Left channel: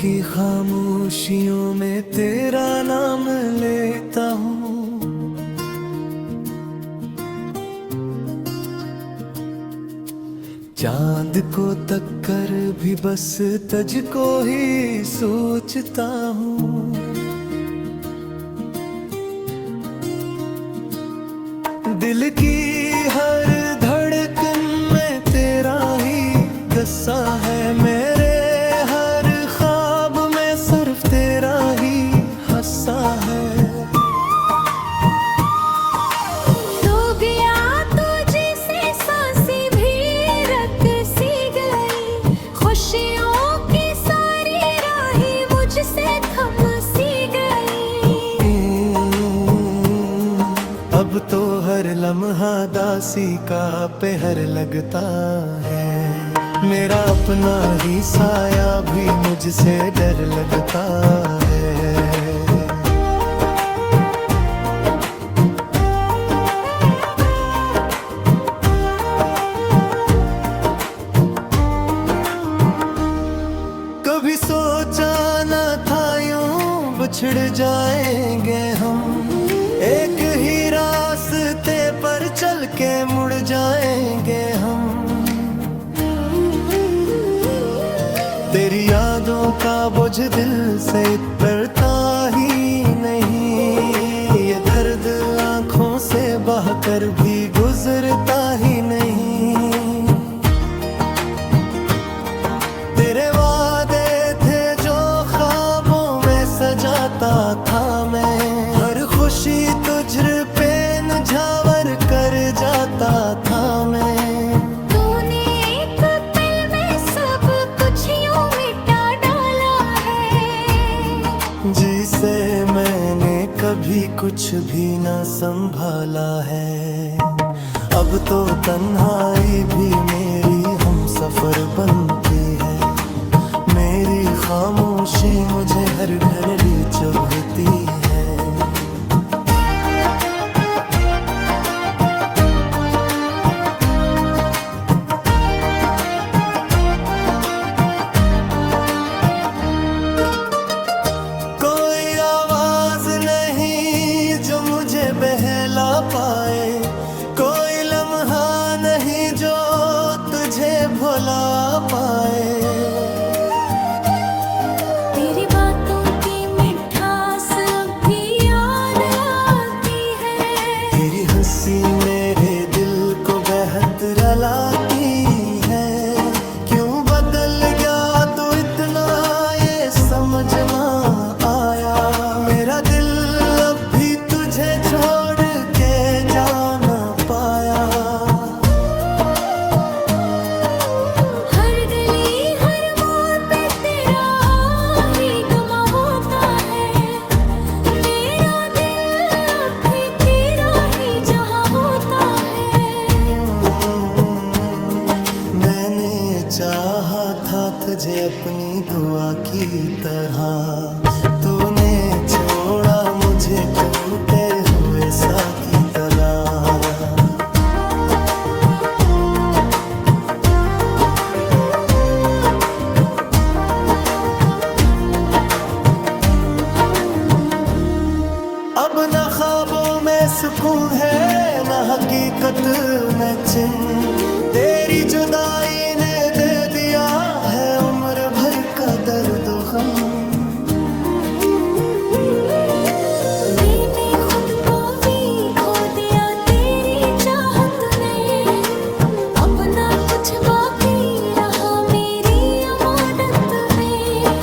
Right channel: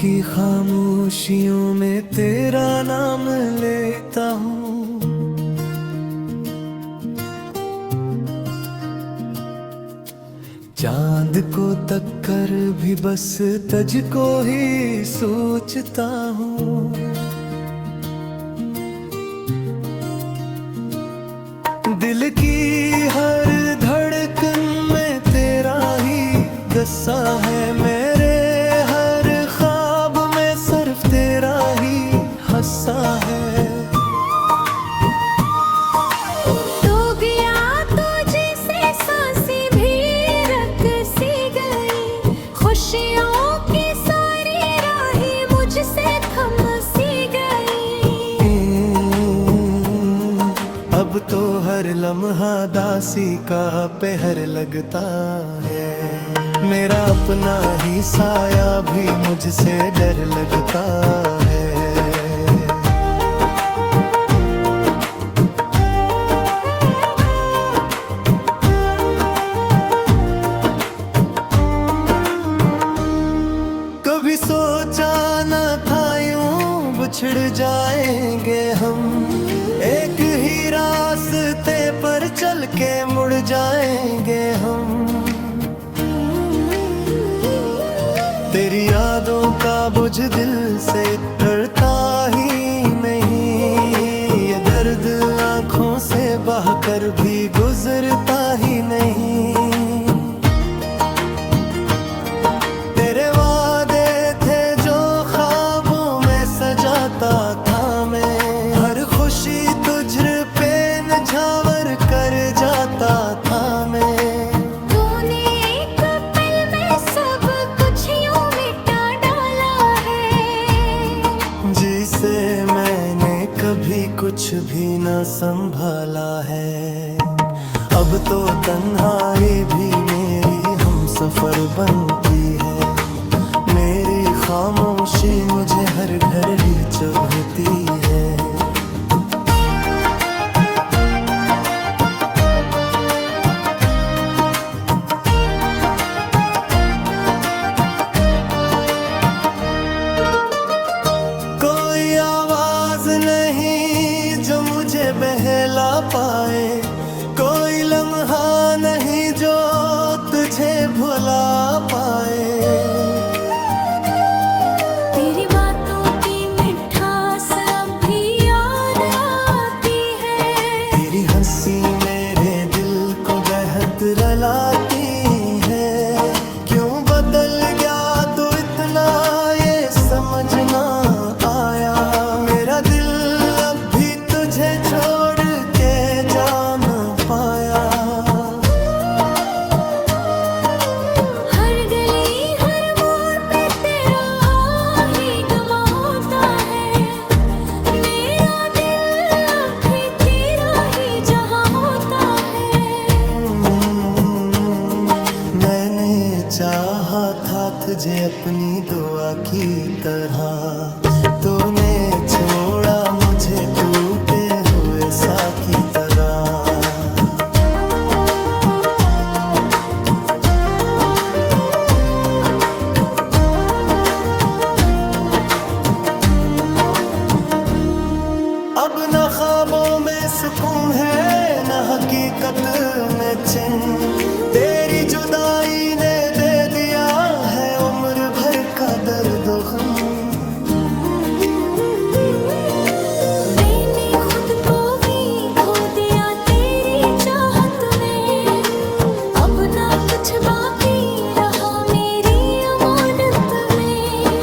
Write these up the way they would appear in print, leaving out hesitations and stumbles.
की खामोशियों में तेरा नाम लेता हूँ। चांद को तक कर भी बस तुझको ही सोचता हूँ। दिल की हर धड़कन में तेरा ही गस्सा है, मेरे हर ख्वाब में सिर्फ तेरा ही हस्सा है। तो गया तुझे से सांसें भी रख सी गई, खुशियों की सारी राहें मुझसे थम सी गई। अब तो हर लम्हा दासी का पहर लगता है, मेरा अपना ही साया भी मुझसे डर लगता है। कभी सोचा न था यूं बिछड़ जाएंगे हम, एक ही रास्ते पर चल के मुड़ जाएंगे हम। तेरी यादों का बोझ दिल से उतरता ही नहीं, ये दर्द आंखों से बहकर भी गुजरता ही नहीं। तेरे वादे थे जो ख्वाबों में सजाता था मैं, हर खुशी तुझ पे निछावर कर जाता था मैं। तूने एक पल में सब कुछ यूं मिटा डाला है, जिसे मैंने कभी कुछ भी न संभाला है। अब तो तन्हाई भी मेरी हम सफर बनती है, मेरी खामोशी मुझे हर घड़ी चुभती है। कोई आवाज नहीं जो मुझे बहला पाए, कोई लम्हा नहीं जो तुझे भुला पाए। तेरी बातों की मिठास अब भी याद आती है, तेरी हंसी मेरे दिल को बेहद रुलाती है। क्यों बदल गया तो इतना ये समझ ना आया, मेरा दिल अब भी तुझे छोड़ के जा न पाया। हर गली हर मोड़ पे तेरा ही गुमा होता है, मेरा दिल अब भी तेरा ही जहां होता है। मैंने चाहा था तुझे अपनी दुआ की तरह, तूने छोड़ा मुझे टूटे हुए सा की तरह। अब न ख्वाबों में सुकून है न हकीकत में चैन, तेरी जुदाई ने दे दिया है उम्र भर का दर्द गम। मैंने खुद को भी खो दिया तेरी चाहत में, अब ना कुछ बाकी रहा मेरी अमानत में।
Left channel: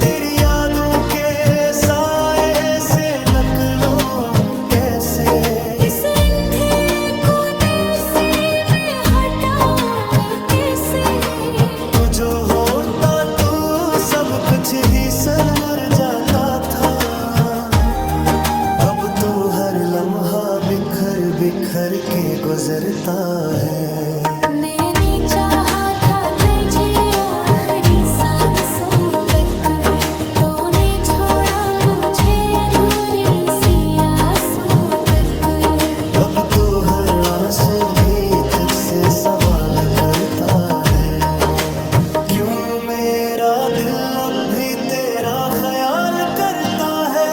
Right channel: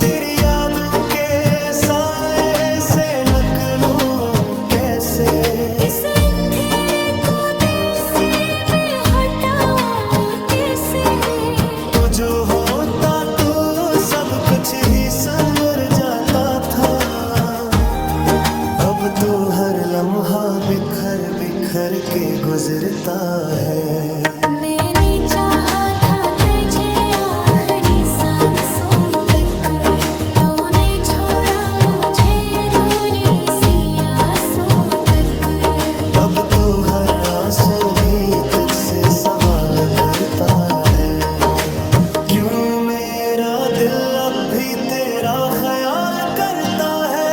तेरी यादों के साए से नकलों कैसे, इस अंधेरे को दिल से मैं हटाऊं कैसे। तू जो होता तो सब कुछ ही संवर जाता था। अब तो हर लम्हा बिखर बिखर के गुजरता है। मैंने चाहा था तुझे आखिरी सांसों तक, तूने छोड़ा मुझे अधूरी सी आसों तक। अब तो हर आंसू भी तुझसे सवाल करता है, दिल अब भी तेरा ख्याल करता है।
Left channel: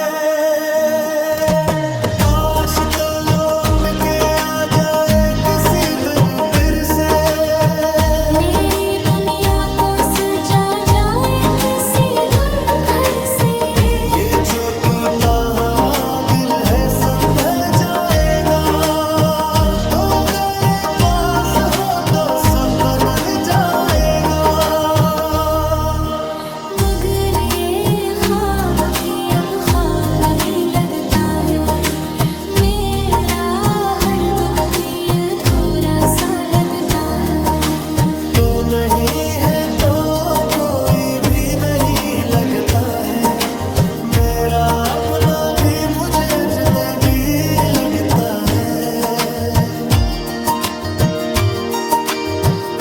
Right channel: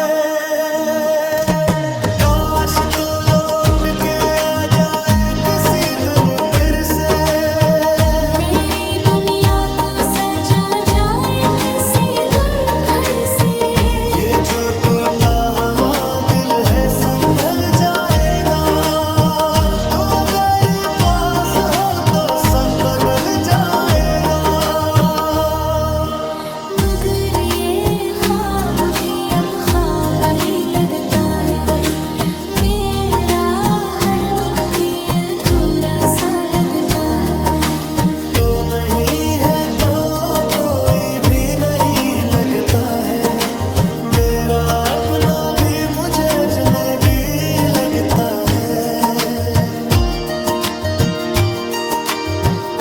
काश तो लौट के आ जाए किसी दिन फिर से, मेरी दुनिया को सजा जाए किसी दिन फिर से। ये जो टूटा हवा दिल है संभल जाएगा, तो अगर पास हो तो सब बदल जाएगा। मगर ये ख्वाब भी अब ख्वाब ही लगता है, मेरा हर दिन भी अधूरा सा लगता है। तो नहीं है तो कोई भी नहीं लगता है, मेरा अपना भी मुझे अजनबी लगता है।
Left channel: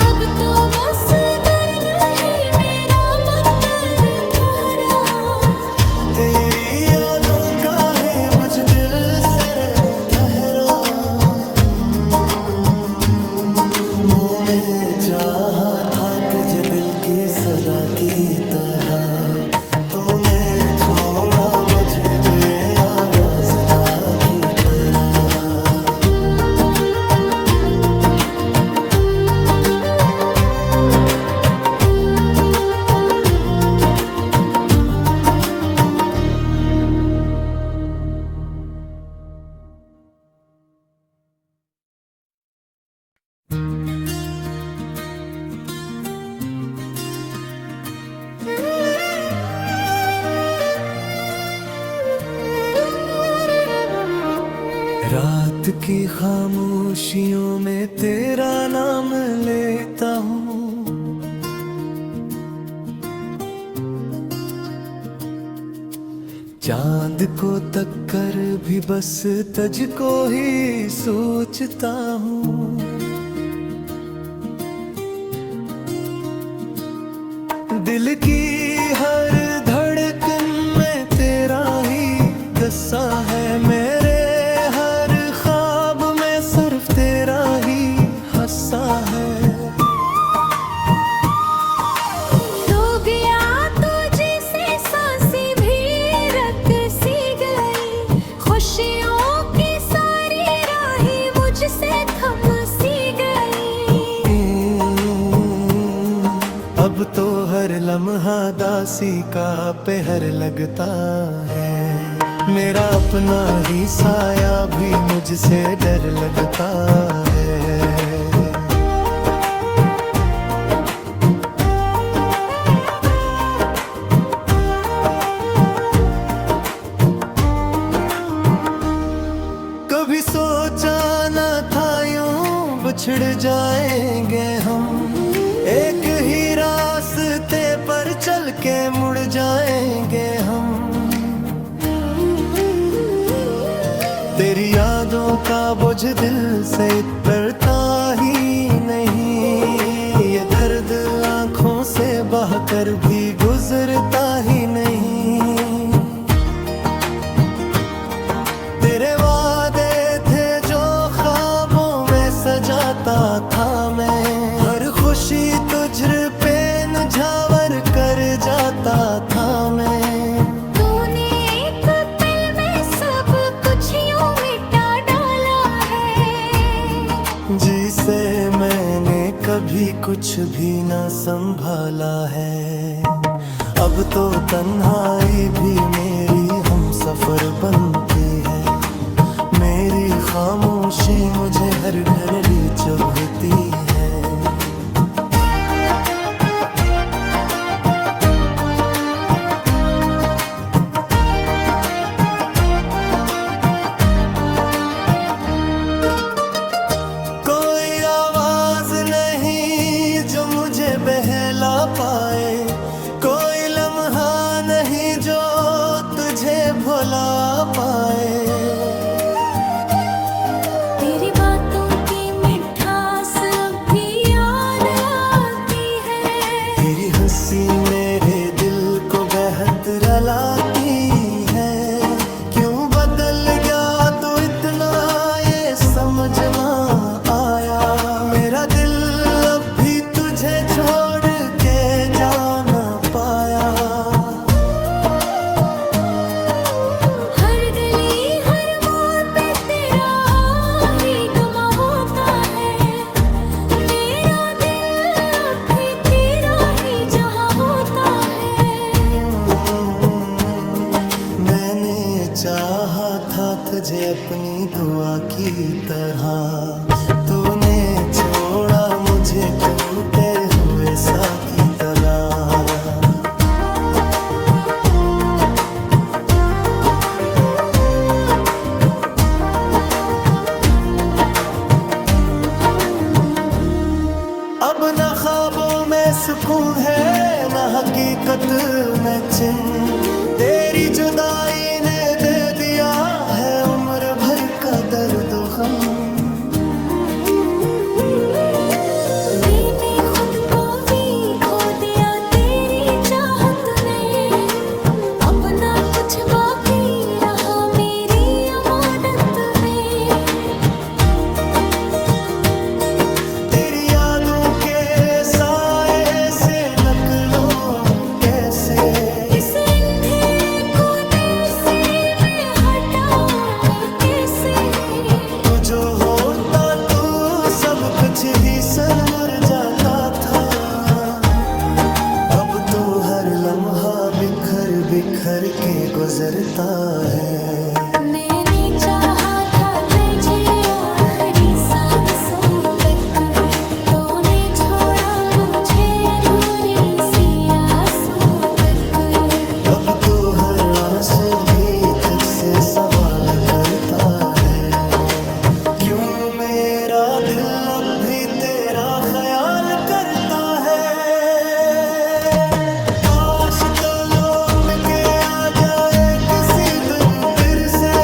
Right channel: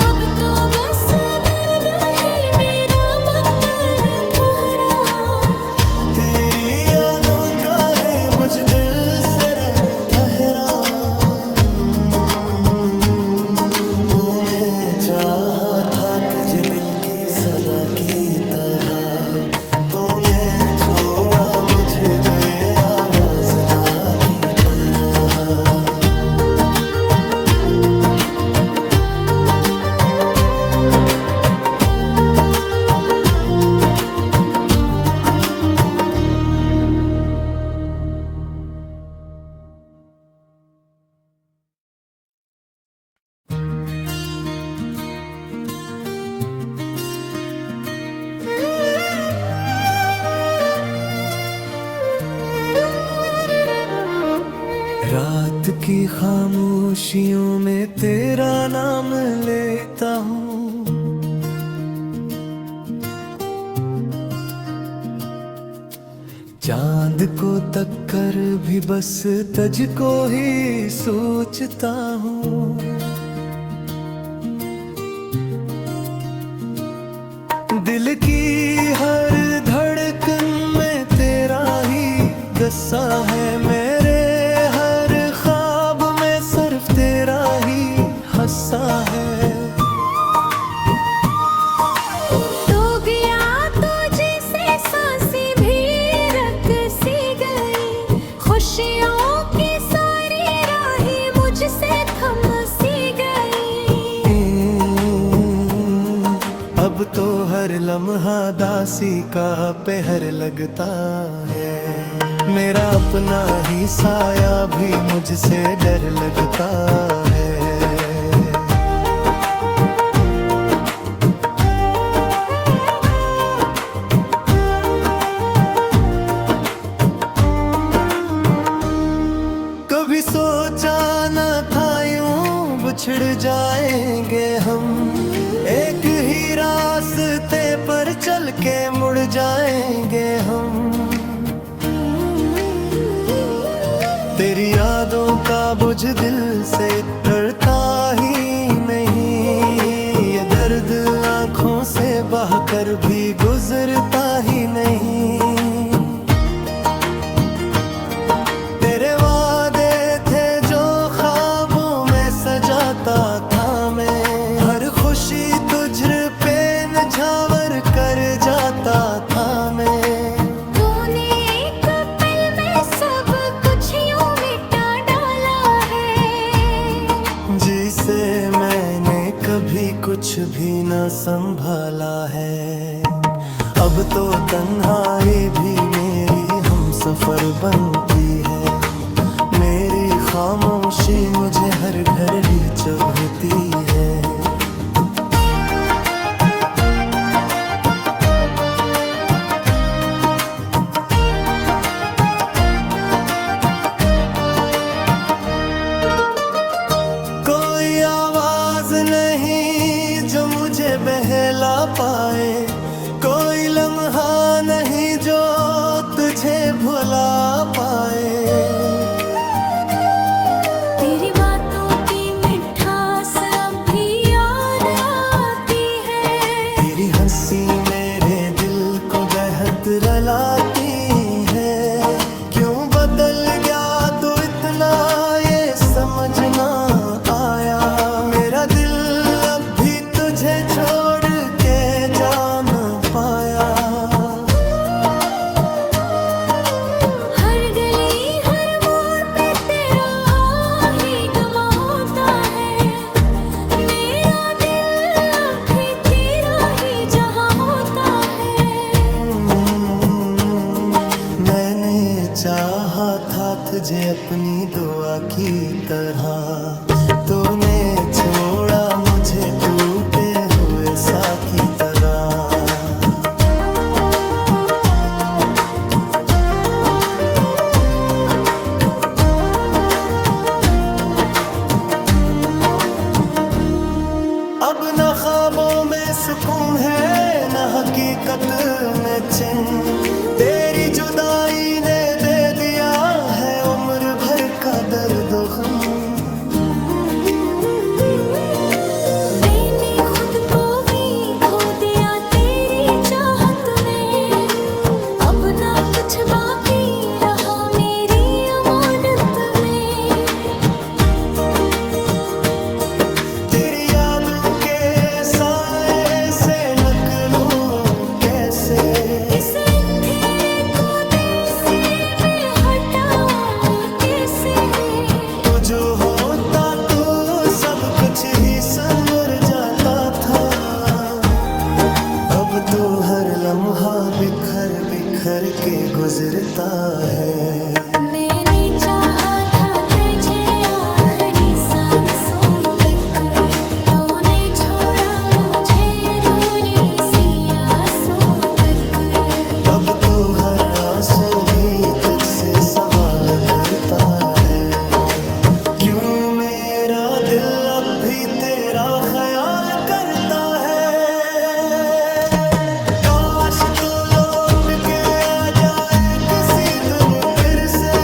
अब तो बस दर्द ही मेरा मंतर ठहरा, तेरी यादों का ही बुझ दिल से रह ठहरा। मुँह में चाहा था तुझे दिल की सदा की तरह, तूने छोड़ा मुझे बेआवाज़दा की तरह। रात की खामोशियों में तेरा नाम लेता हूँ, चांद को तक कर भी बस तुझको ही सोचता हूँ। दिल की हर धड़कन में तेरा ही गस्सा है, मेरे हर ख्वाब में सिर्फ तेरा ही हस्सा है। तो गया तुझे से सांसें भी रक सी गई, खुशियों की सारी राहें मुझसे थम सी गई। अब तो हर लम्हा दासी का पहर लगता है, मेरा अपना ही साया भी मुझसे डर लगता है। कभी सोचा न था यूं बिछड़ जाएंगे हम, एक ही रास्ते पर चल के मुड़ जाएंगे हम। तेरी यादों का बोझ दिल से उतरता ही नहीं, ये दर्द आंखों से बहकर भी गुजरता ही नहीं। तेरे वादे थे जो ख्वाबों में सजाता था मैं, हर खुशी तुझ पे नझावर कर जाता था मैं। तूने एक पल में सब कुछ यूं मिटा डाला है, जिसे मैंने कभी कुछ भी न संभाला है। अब तो तन्हाई भी मेरी हमसफर बनती है, मेरी खामोशी मुझे हर घड़ी चुभती है। कोई आवाज नहीं जो मुझे बहला पाए, कोई लम्हा नहीं जो तुझे भुला पाए। तेरी बातों की मिठास अब भी याद आती है, तेरी हंसी मेरे दिल को बेहद रुलाती है। क्यों बदल गया तो इतना ये समझ ना आया, मेरा दिल अब भी तुझे छोड़ के जाना पाया। हर गली हर मोड़ पे तेरा ही गुमा होता है, मेरा दिल अब भी तेरा ही जहां होता है। मैंने चाहा था तुझे अपनी दुआ की तरह, तूने छोड़ा मुझे टूटे हुए सा की तरह। अब न ख्वाबों में सुकून है न हकीकत में चिन, तेरी जुदाई ने दे दिया है उम्र भर का दर्द गम। मैंने खुद को भी खो दिया तेरी चाहत में, अब ना कुछ बाकी रहा मेरी अमानत में। तेरी यादों के साए से नकलूं कैसे, इस अंधेरे को दिल से मैं हटाऊं कैसे। तू जो होता तू सब कुछ ही संवर जाता था। अब तो हर लम्हा बिखर बिखर के गुजरता है। मैंने चाहा था तुझे आखिरी सांसों तक, तूने छोड़ा मुझे अधूरी सी आसों तक। अब तो हर आंसू भी तुझसे सवाल करता है, क्यों मेरा दिल अब भी तेरा ख्याल करता है। काश तो लौट के आ जाए किसी दिन फिर से,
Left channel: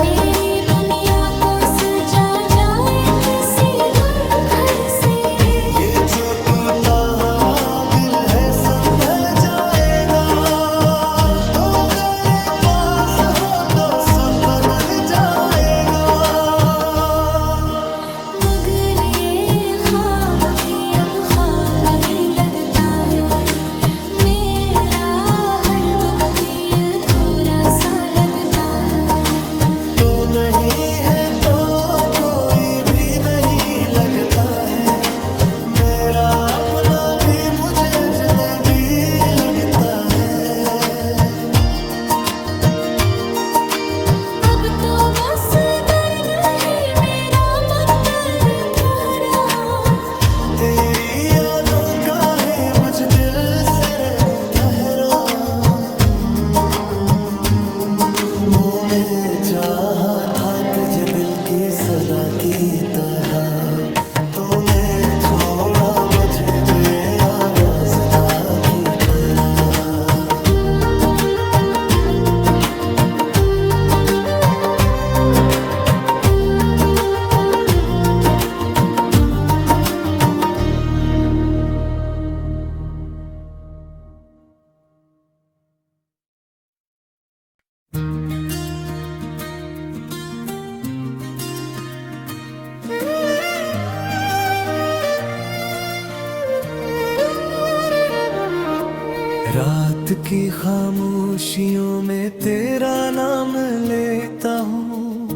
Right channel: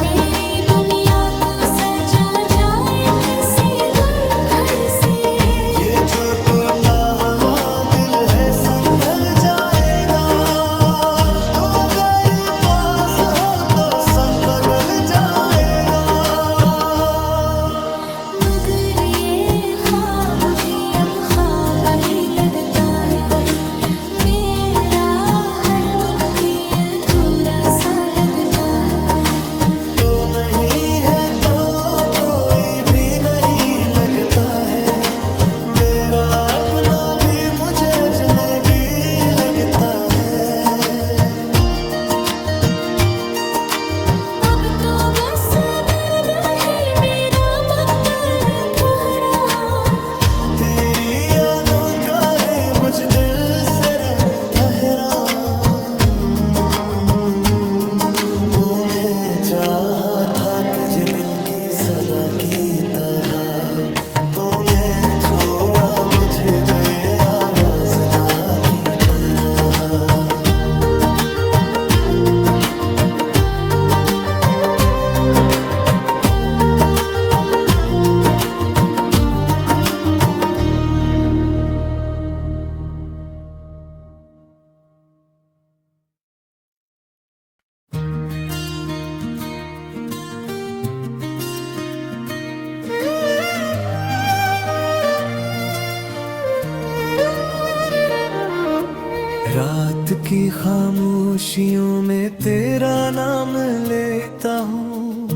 मेरी दुनिया को सजा जाए किसी दिन फिर से। ये जो टूटा हवा दिल है संभल जाएगा, तो अगर पास हो तो सब बदल जाएगा। मगर ये ख्वाब भी अब ख्वाब ही लगता है, मेरा हर दिन भी अधूरा सा लगता है। तो नहीं है तो कोई भी नहीं लगता है, मेरा अपना भी मुझे अजनबी लगता है। अब तो बस दर्द ही मेरा मंतर ठहरा, तेरी यादों का ही बुझ दिल से रह ठहरा। मुँह में चाहा था तुझे दिल की सदा की तरह, तूने छोड़ा मुझे बेआवाज़ दा की तरह। रात की खामोशियों में तेरा नाम लेता हूँ,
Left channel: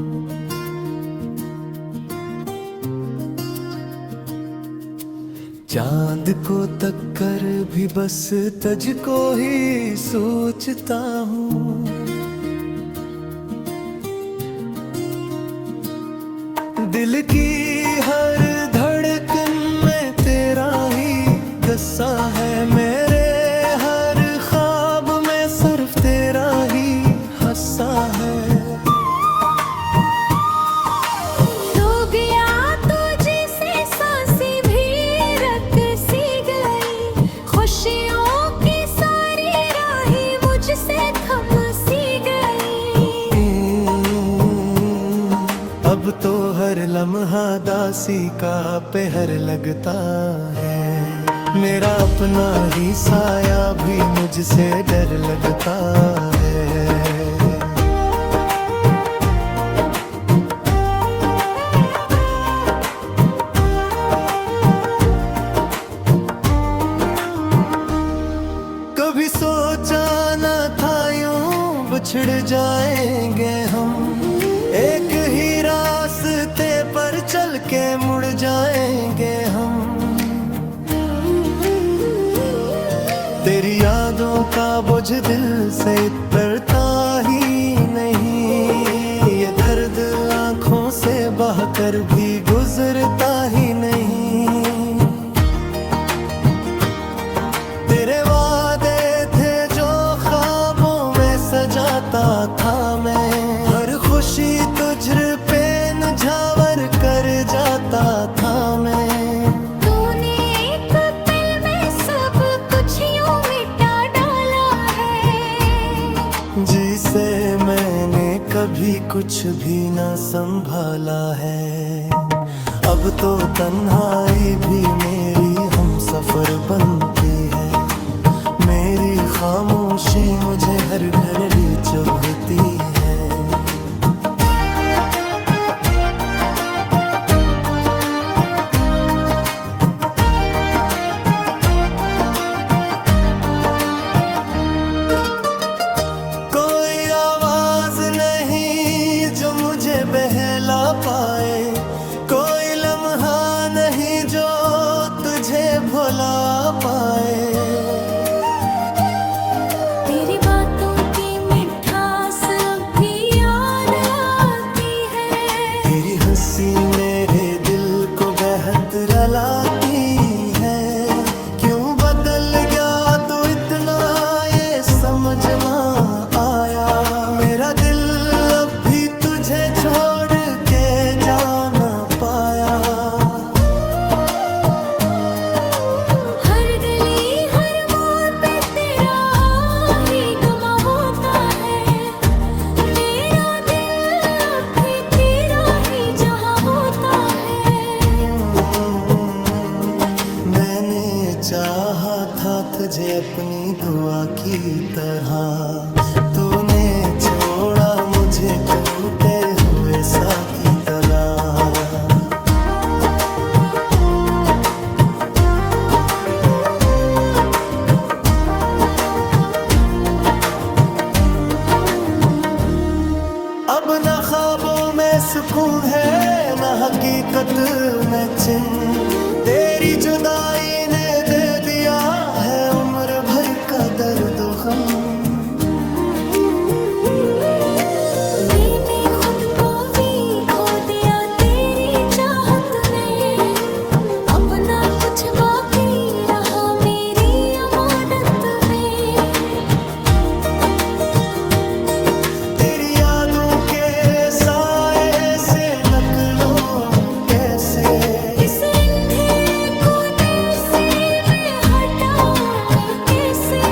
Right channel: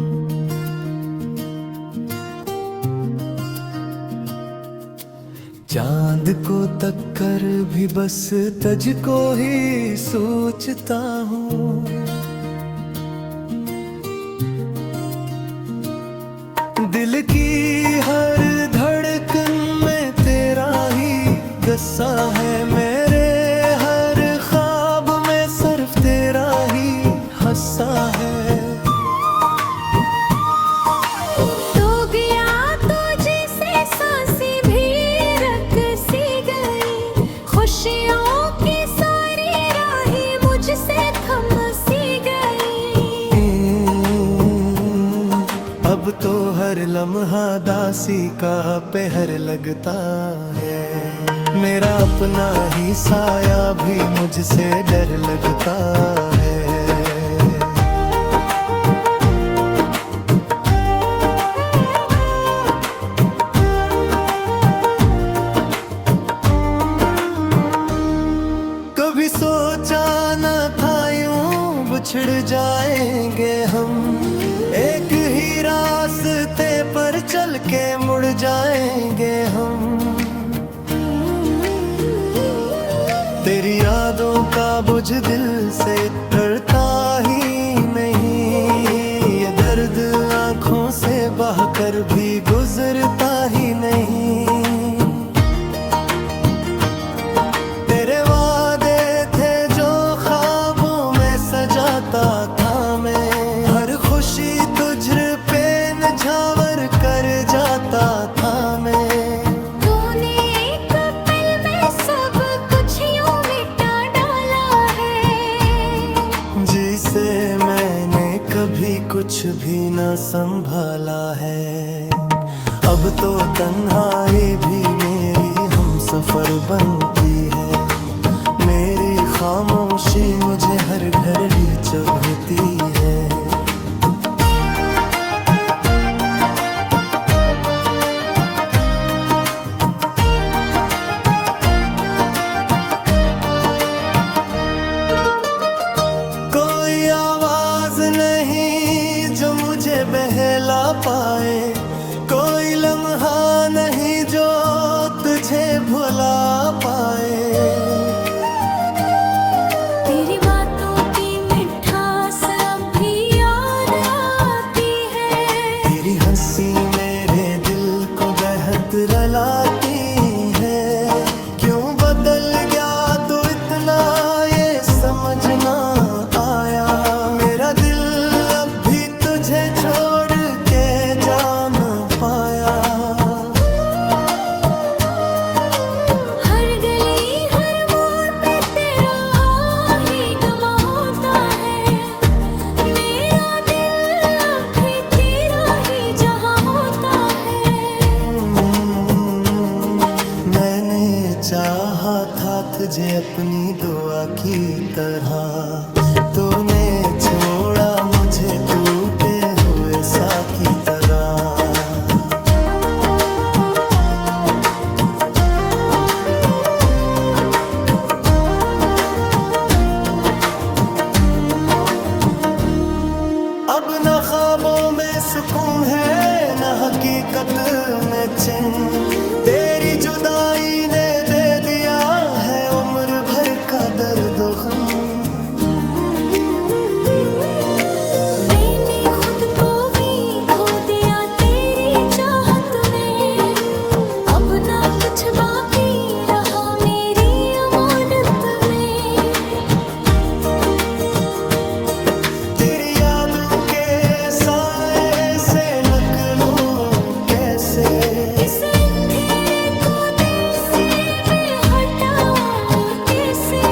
चांद को तक कर भी बस तुझको ही सोचता हूँ। दिल की हर धड़कन में तेरा ही गस्सा है, मेरे हर ख्वाब में सिर्फ तेरा ही हस्सा है। तो गया तो जैसे सांसें भी रक सी गई, खुशियों की सारी राहें मुझसे थम सी गई। अब तो हर लम्हा दासी का पहर लगता है, मेरा अपना ही साया भी मुझसे डर लगता है। कभी सोचा न था यूं बिछड़ जाएंगे हम, एक ही रास्ते पर चल के मुड़ जाएंगे हम। तेरी यादों का बोझ दिल से उतरता ही नहीं, ये दर्द आंखों से बहकर भी गुजरता ही नहीं। तेरे वादे थे जो ख्वाबों में सजाता था मैं, हर खुशी तुझ पे निझावर कर जाता था मैं। तूने एक पल में सब कुछ यूं मिटा डाला है, जिसे मैंने कभी कुछ भी न संभाला है। अब तो तन्हाई भी मेरी हम सफर बनती है, मेरी खामोशी मुझे हर घड़ी चुभती है। कोई आवाज नहीं जो मुझे बहला पाए, कोई लम्हा नहीं जो तुझे भुला पाए। तेरी बातों की मिठास अब भी याद आती है, तेरी हंसी मेरे दिल को बेहद रुलाती है। क्यों बदल गया तो इतना ये समझ ना आया, मेरा दिल अब भी तुझे छोड़ के जा न पाया। हर गली हर मोड़ पे तेरा ही गमा होता है, मेरा दिल अब भी तेरा ही जहां होता है। मैंने चाहा था तुझे अपनी दुआ की तरह, तूने छोड़ा मुझे टूटे हुए सा की तरह। अब न ख्वाबों में सुकून है न हकीकत में चैन, तेरी जुदाई ने दे दिया है उम्र भर का दर्द गम। मैंने खुद को भी खो दिया तेरी चाहत में, अब ना कुछ बाकी रहा मेरी अमानत में। तेरी यादों के साए से नकलों कैसे, इस अंधेरे को दिल से मैं हटाऊं कैसे।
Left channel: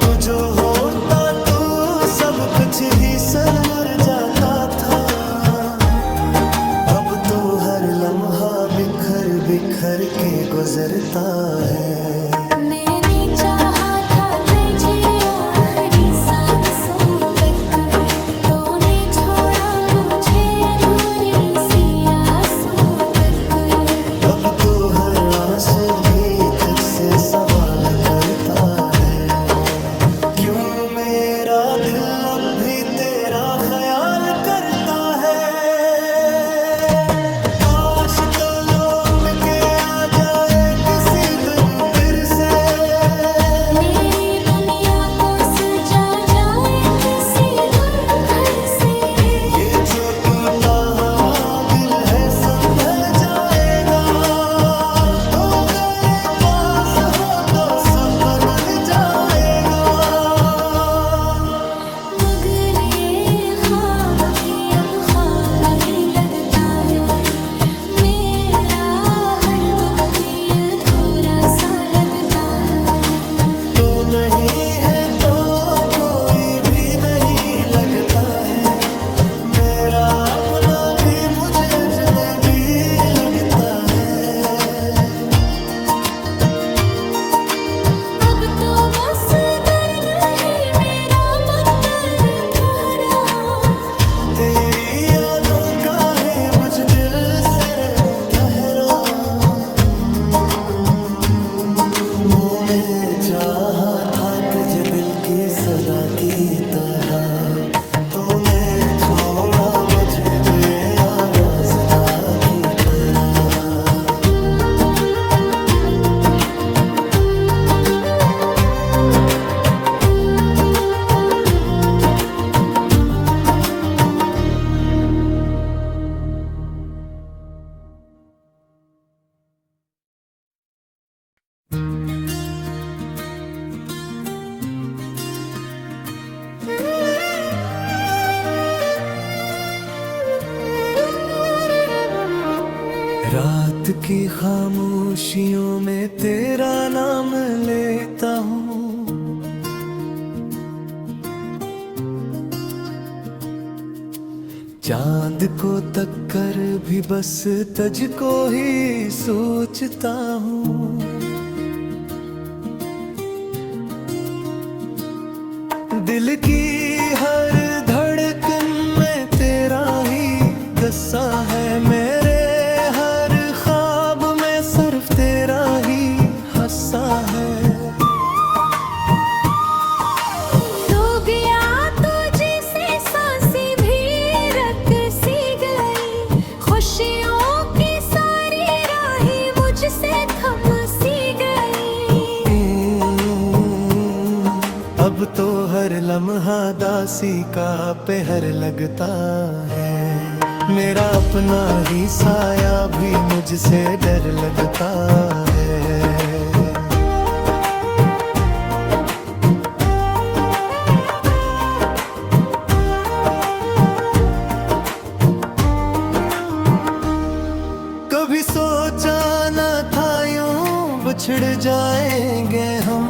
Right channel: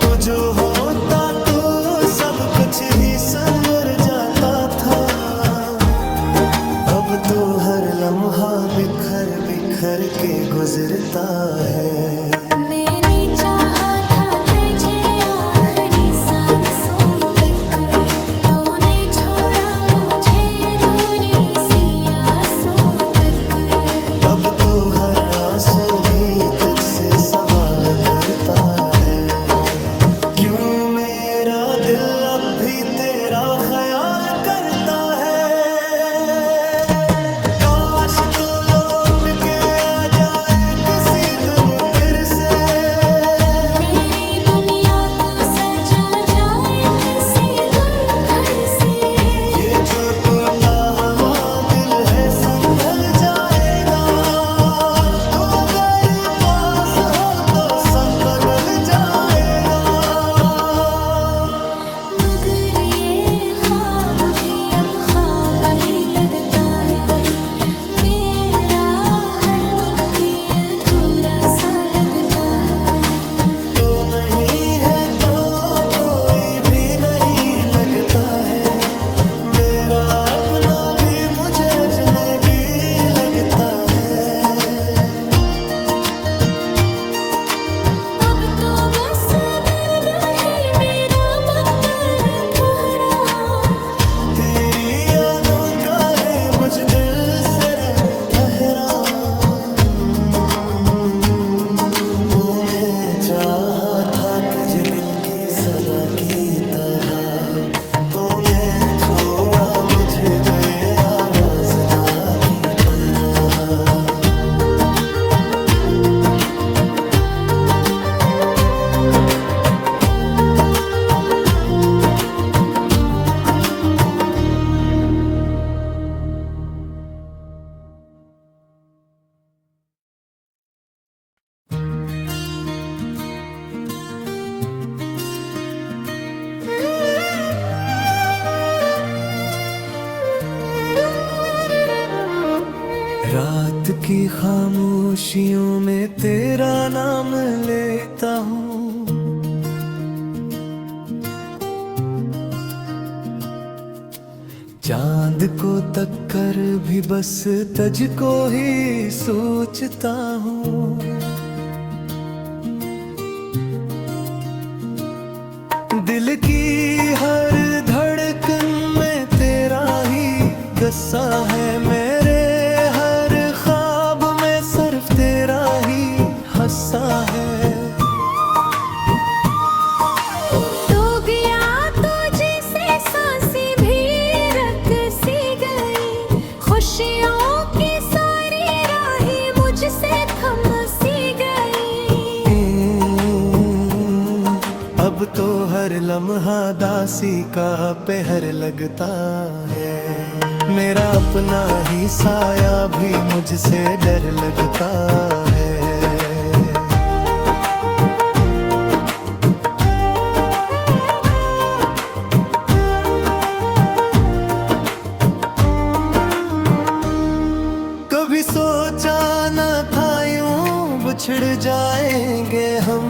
तू जो होता तो सब कुछ ही संवर जाता था, अब तो हर लम्हा बिखर बिखर के गुजरता है। मैंने चाहा था तुझे आखिरी सांसों तक, तूने छोड़ा मुझे अधूरी सी आसों तक। अब तो हर आंसू भी तुझसे सवाल करता है, क्यों मेरा दिल अब भी तेरा ख्याल करता है। काश तो लौट के आ जाए किसी दिन फिर से, मेरी दुनिया को सजा जाए किसी दिन फिर से। ये जो टूटा हवा दिल है संभल जाएगा, तो अगर पास हो तो सब बदल जाएगा। मगर ये ख्वाब भी अब ख्वाब ही लगता है, मेरा हर दिन भी अधूरा सा लगता है। तो नहीं है तो कोई भी नहीं लगता है, मेरा अपना भी मुझे अजनबी लगता है। अब तो बस दर्द ही मेरा मंतर ठहरा, तेरी यादों का ही बुझ दिल से ठहरा। मैंने चाहा था तुझे दिल की सदा की तरह। तूने छोड़ा मुझे बेआवाज़दा की तरह। रात की खामोशियों में तेरा नाम लेता हूँ। चांद को तक कर भी बस तुझको ही सोचता हूँ। दिल की हर धड़कन में तेरा ही गस्सा है। मेरे हर ख्वाब में सिर्फ तेरा ही हस्सा है। तो गया तुझसे सांसें भी रक सी गई। खुशियों की सारी राहें मुझसे थम सी गई। अब तो हर लम्हा दासी का पहर लगता है। मेरा अपना ही साया भी मुझसे डर लगता है। कभी सोचा न था यूं बिछड़ जाएंगे हम।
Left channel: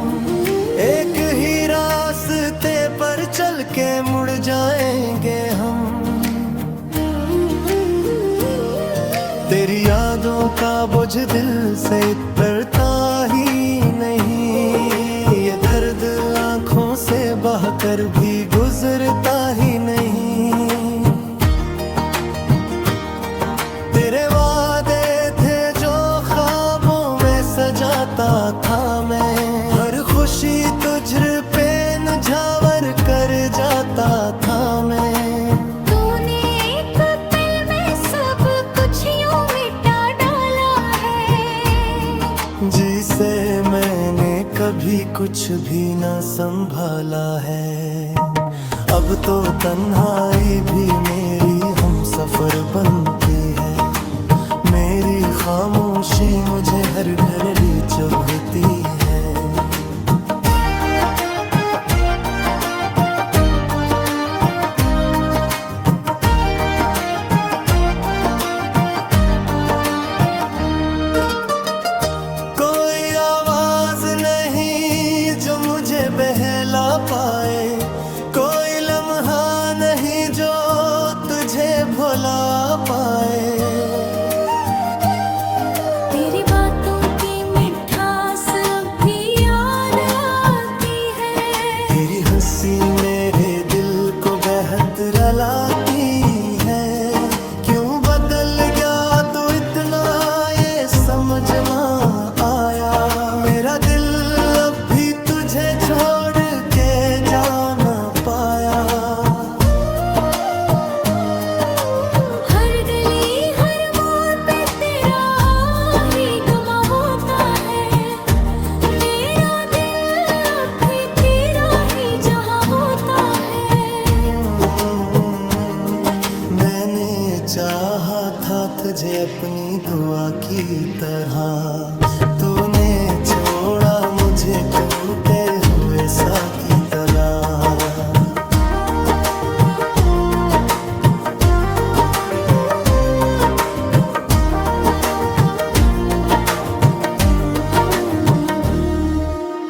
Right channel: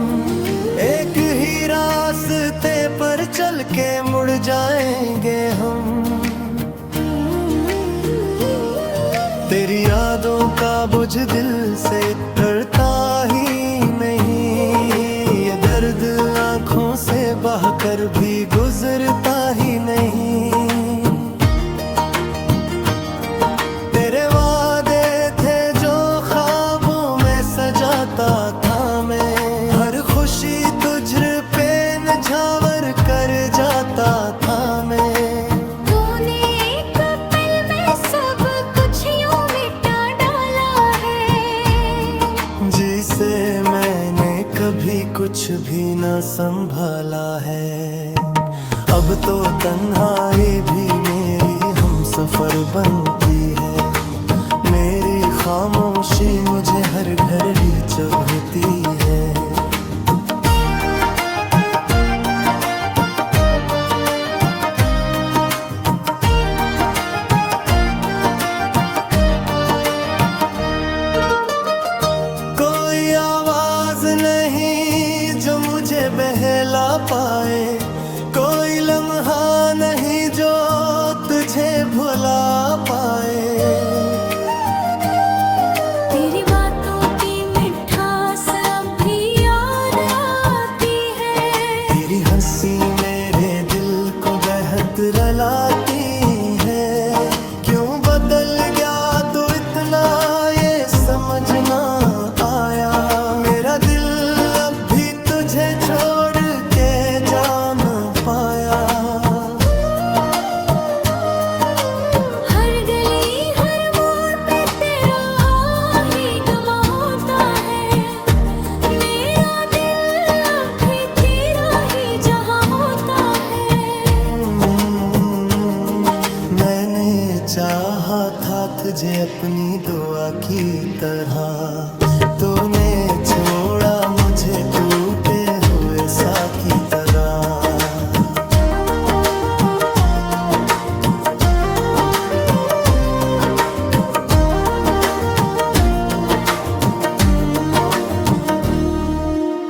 एक ही रास्ते पर चल के मुड़ जाएंगे हम। तेरी यादों का बोझ दिल से उतरता ही नहीं। ये दर्द आंखों से बहकर भी गुजरता ही नहीं। तेरे वादे थे जो ख्वाबों में सजाता था मैं। हर खुशी तुझ पे निछावर कर जाता था मैं। तूने एक पल में सब कुछ यूं मिटा डाला है। जिसे मैंने कभी कुछ भी न संभाला है। अब तो तन्हाई भी मेरी हम सफर बनती है। मेरी खामोशी मुझे हर घड़ी चुभती है। कोई आवाज नहीं जो मुझे बहला पाए। कोई लम्हा नहीं जो तुझे भुला पाए। तेरी बातों की मिठास अब भी याद आती है। तेरी हंसी मेरे दिल को बेहद रुलाती है। क्यों बदल गया तो इतना ये समझ ना आया। मेरा दिल अब भी तुझे छोड़ के जा न पाया। हर गली हर मोड़ पे तेरा ही गुमा होता है। मेरा दिल अब भी तेरा ही जहां होता है। मैंने चाहा था तुझे अपनी दुआ की तरह। तूने छोड़ा मुझे टूटे हुए सा की तरह।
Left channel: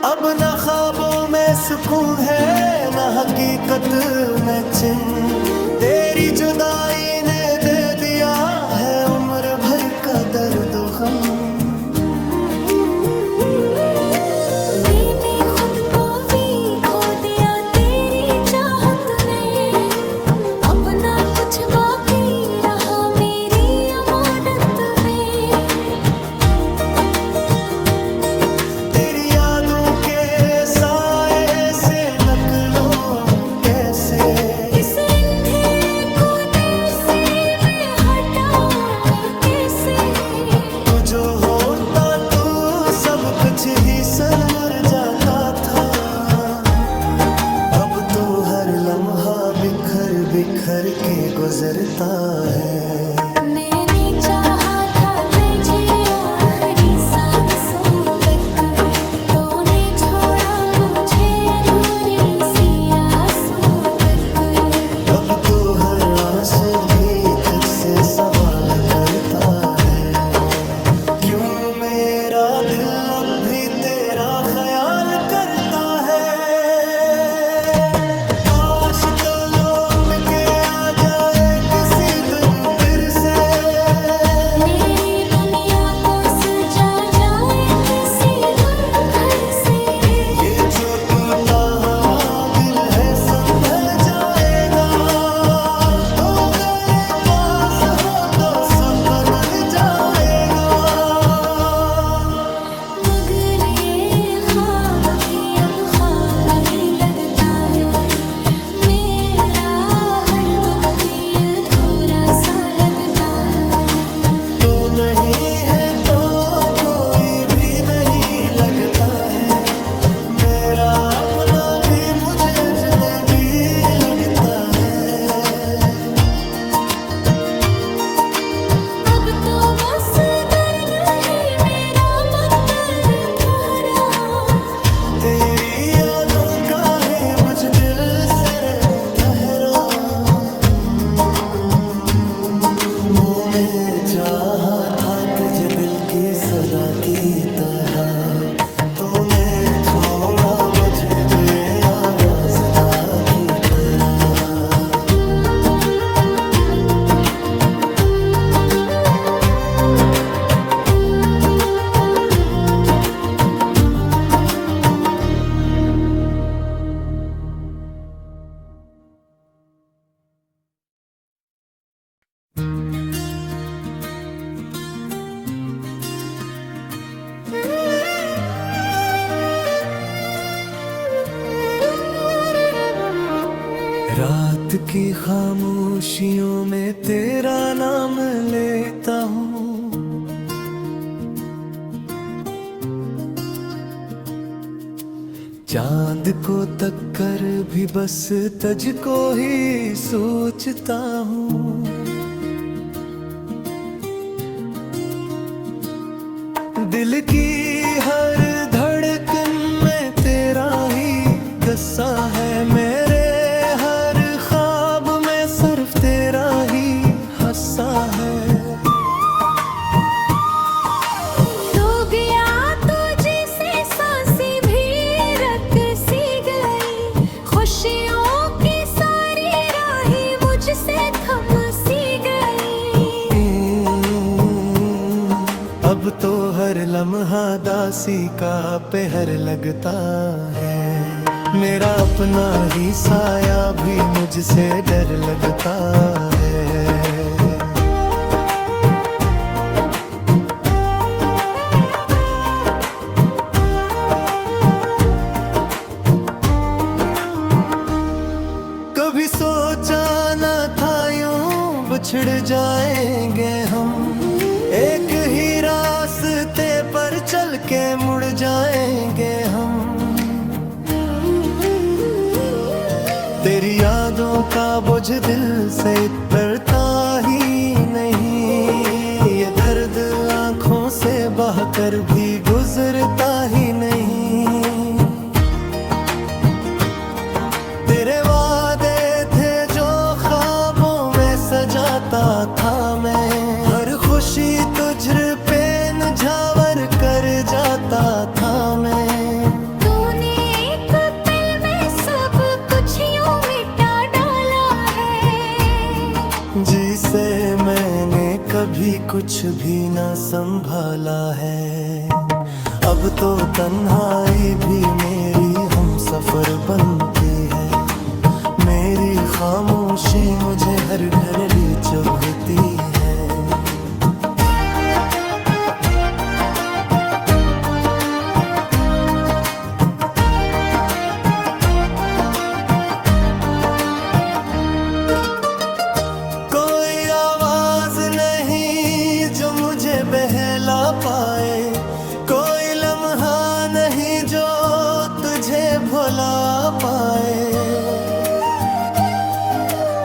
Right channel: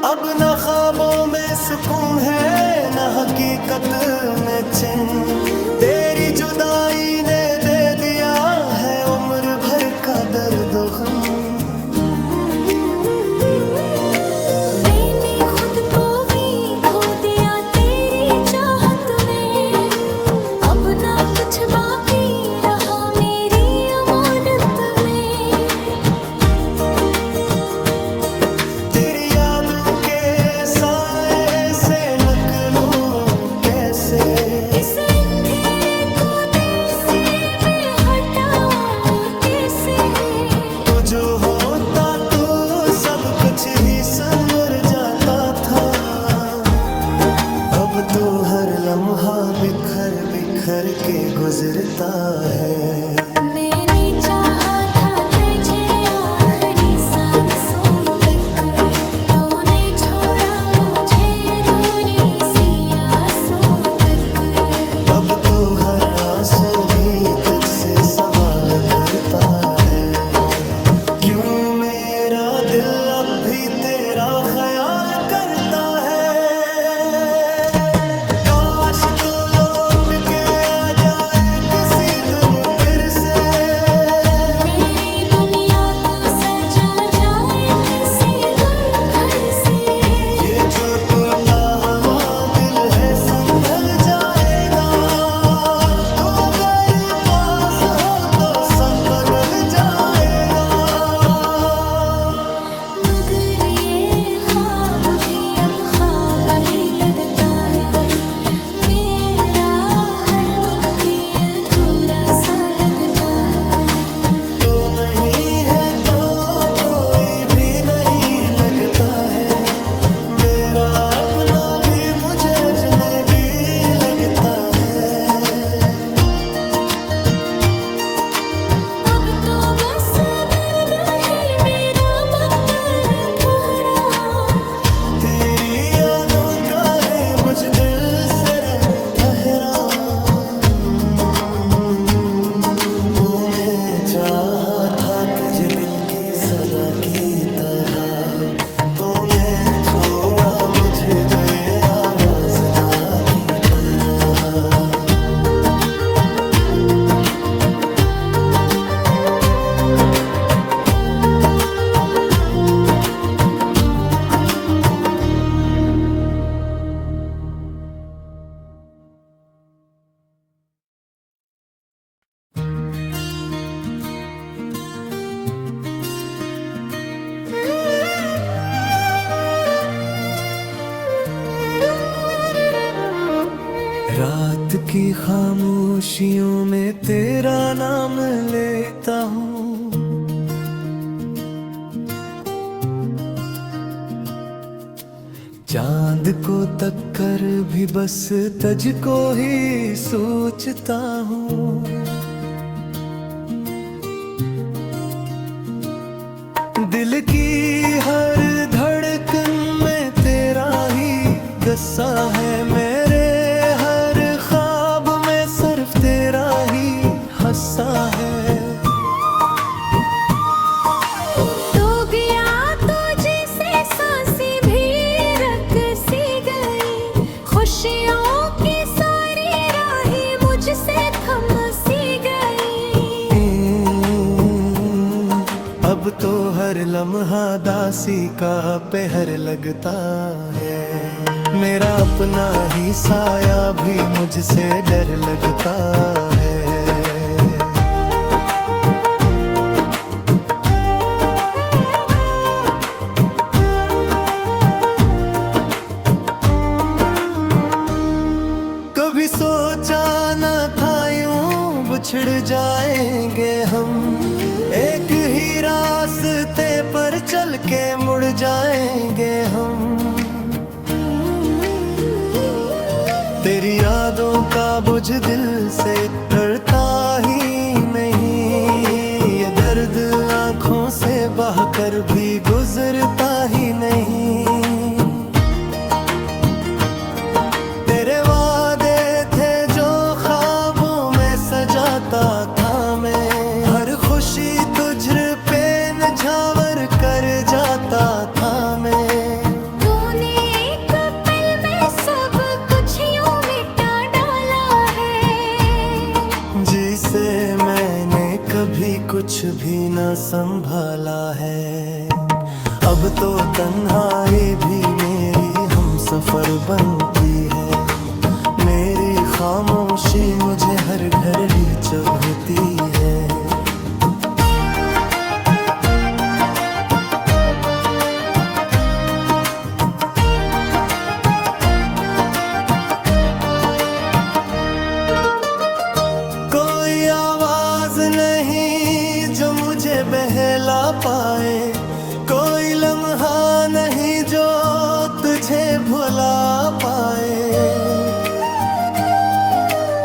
अब न ख्वाबों में सुकून है न हकीकत में चैन। तेरी जुदाई ने दे दिया है उम्र भर का दर्द गम। मैंने खुद को भी खो दिया तेरी चाहत में। अब ना कुछ बाकी रहा मेरी अमानत में। तेरी यादों के साए से। इस अंधेरे को दिल से मैं हटाऊं कैसे? तू जो होता तू सब कुछ ही संवर जाता था। अब तो हर लम्हा बिखर बिखर के गुजरता है। मैंने चाहा था तुझे आखिरी सांसों तक, तूने छोड़ा मुझे अधूरी सी आसों तक। अब तो हर आंसू भी तुझसे सवाल करता है। क्यों मेरा दिल अब भी तेरा ख्याल करता है। काश तो लौट के आ जाए किसी दिन फिर से। मेरी दुनिया को सजा जाए किसी दिन फिर से। ये जो टूटा हुआ दिल है संभल जाएगा। तो अगर पास हो तो सब बदल जाएगा। मगर ये ख्वाब भी अब ख्वाब ही लगता है। मेरा हर दिन भी अधूरा सा लगता है। तो नहीं है तो कोई भी नहीं लगता है। मेरा अपना भी मुझे अजनबी लगता है। अब तो बस दर्द ही मेरा मकर ठहरा। तेरी यादों का ही बुझ दिल से रह ठहरा। मुँह में चाहा था तुझे दिल की सदा की तरह। तूने छोड़ा मुझे बेआवाज़ दा की तरह। रात की खामोशियों में तेरा नाम लेता हूँ। चांद को तक कर भी बस तुझको ही सोचता हूँ। दिल की हर धड़कन में तेरा ही गस्सा है। मेरे हर ख्वाब में सिर्फ तेरा ही हस्सा है। तो गया तो जैसे सांसें भी रक सी गई। खुशियों की सारी राहें मुझसे थम सी गई। अब तो हर लम्हा दासी का पहर लगता है। मेरा अपना ही साया भी मुझसे डर लगता है। कभी सोचा न था यूं बिछड़ जाएंगे हम। एक ही रास्ते पर चल के मुड़ जाएंगे हम। तेरी यादों का बोझ दिल से उतरता ही नहीं। ये दर्द आंखों से बहकर भी गुजरता ही नहीं। तेरे वादे थे जो ख्वाबों में सजाता था मैं। हर खुशी तुझ पे निझावर कर जाता था मैं। तूने एक पल में सब कुछ यूं मिटा डाला है। जिसे मैंने कभी कुछ भी न संभाला है। अब तो तन्हाई भी मेरी हमसफर बनती है। मेरी खामोशी मुझे हर घड़ी चुभती है। पाए, कोई लम्हा नहीं जो तुझे भुला पाए।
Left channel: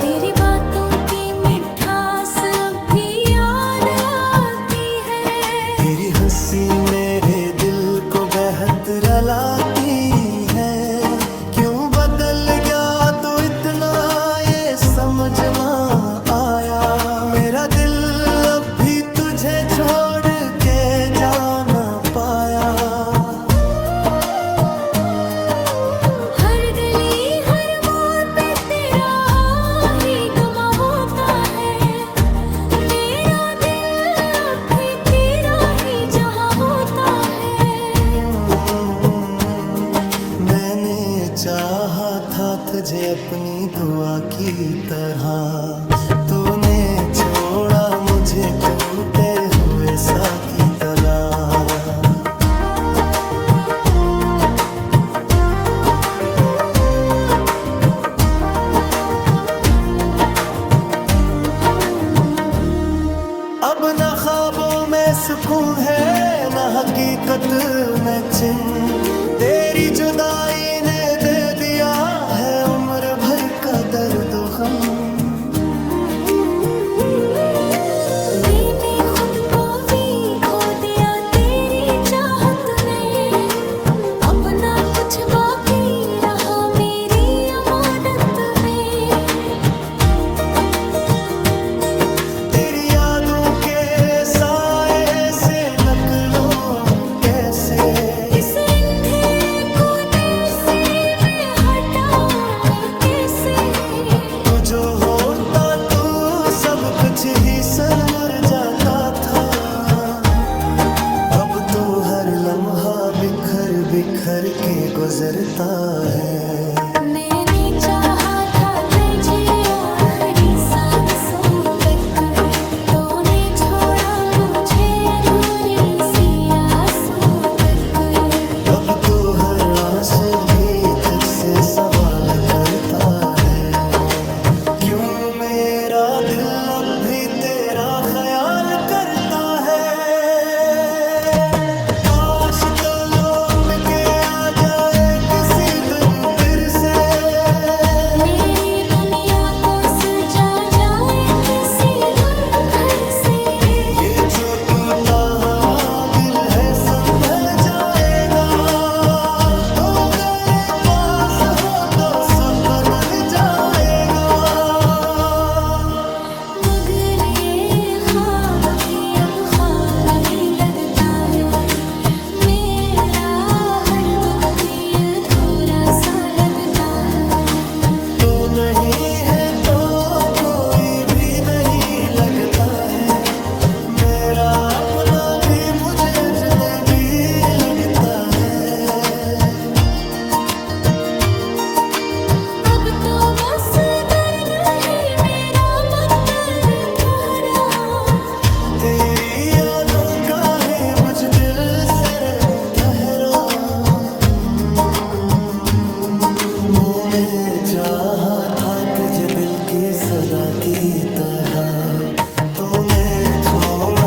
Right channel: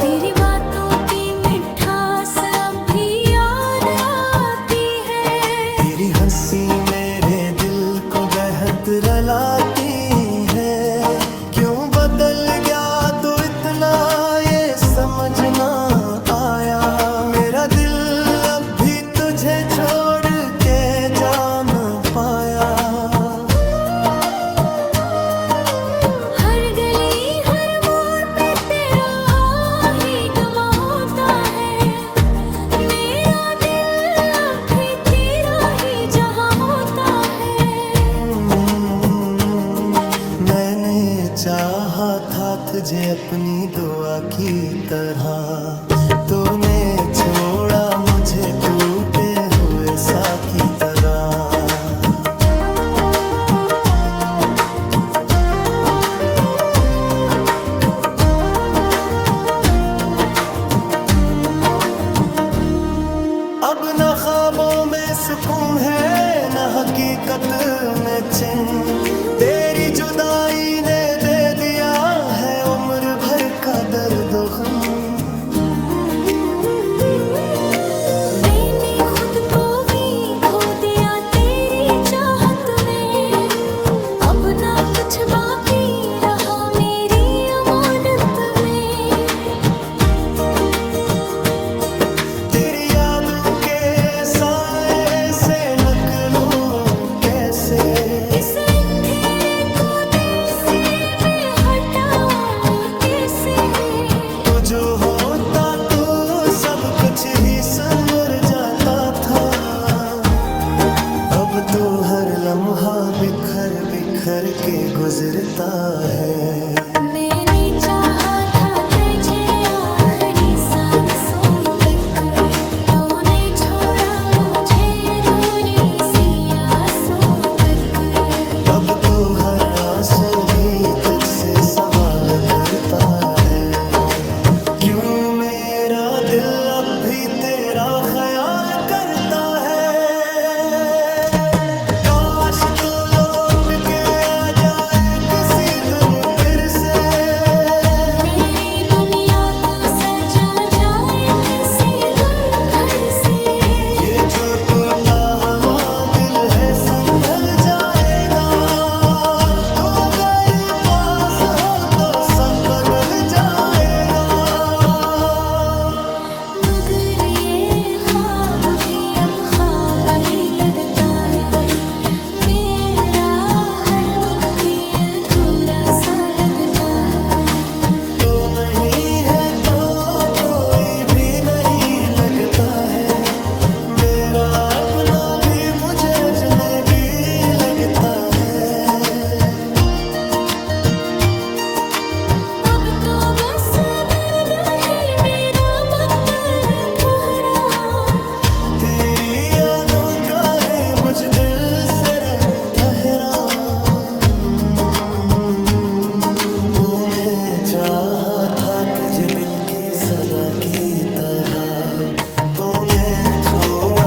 तेरी बातों की मिठास अब भी याद आती है। तेरी हंसी मेरे दिल को बेहद रुलाती है। क्यों बदल गया तो इतना ये समझ ना आया। मेरा दिल अब भी तुझे छोड़ के जा न पाया। हर गली हर मोड़ पे तेरा ही गुमा होता है। मेरा दिल अब भी तेरा ही जहां होता है। मैंने चाहा था तुझे अपनी दुआ की तरह, तूने छोड़ा मुझे टूटे हुए सा की तरह। अब न ख्वाबों में सुकून है न हकीकत में चिन्ह। तेरी जुदाई ने दे दिया है उम्र भर का दर्द गम। मैंने खुद को भी खो दिया तेरी चाहत में। अब ना कुछ बाकी रहा मेरी अमानत में। तेरी यादों के साए से नकलों कैसे। इस अंधेरे को दिल से मैं हटाऊं कैसे। तू जो होता तू सब कुछ ही संवर जाता था। अब तो हर लम्हा बिखर बिखर के गुजरता है। मैंने चाहा था तुझे आखिरी सांसों तक। तूने छोड़ा मुझे अधूरी सी आसों तक। अब तो हर आंसू भी तुझसे सवाल करता है। क्यों मेरा दिल अब भी तेरा ख्याल करता है। काश तो लौट के आ जाए किसी दिन फिर से। मेरी दुनिया को सजा जाए किसी दिन फिर से। ये जो टूटा हवा दिल है संभल जाएगा। तो अगर पास हो तो सब बदल जाएगा। मगर ये ख्वाब भी अब ख्वाब ही लगता है। मेरा हर दिन भी अधूरा सा लगता है। तो नहीं है तो कोई भी नहीं लगता है। मेरा अपना भी मुझे अजनबी लगता है। अब तो बस दर्द ही मेरा मंतर ठहरा। तेरी यादों का ही बुझ दिल से रह ठहरा। मैंने चाहा था तुझे दिल की सदा की तरह, तूने छोड़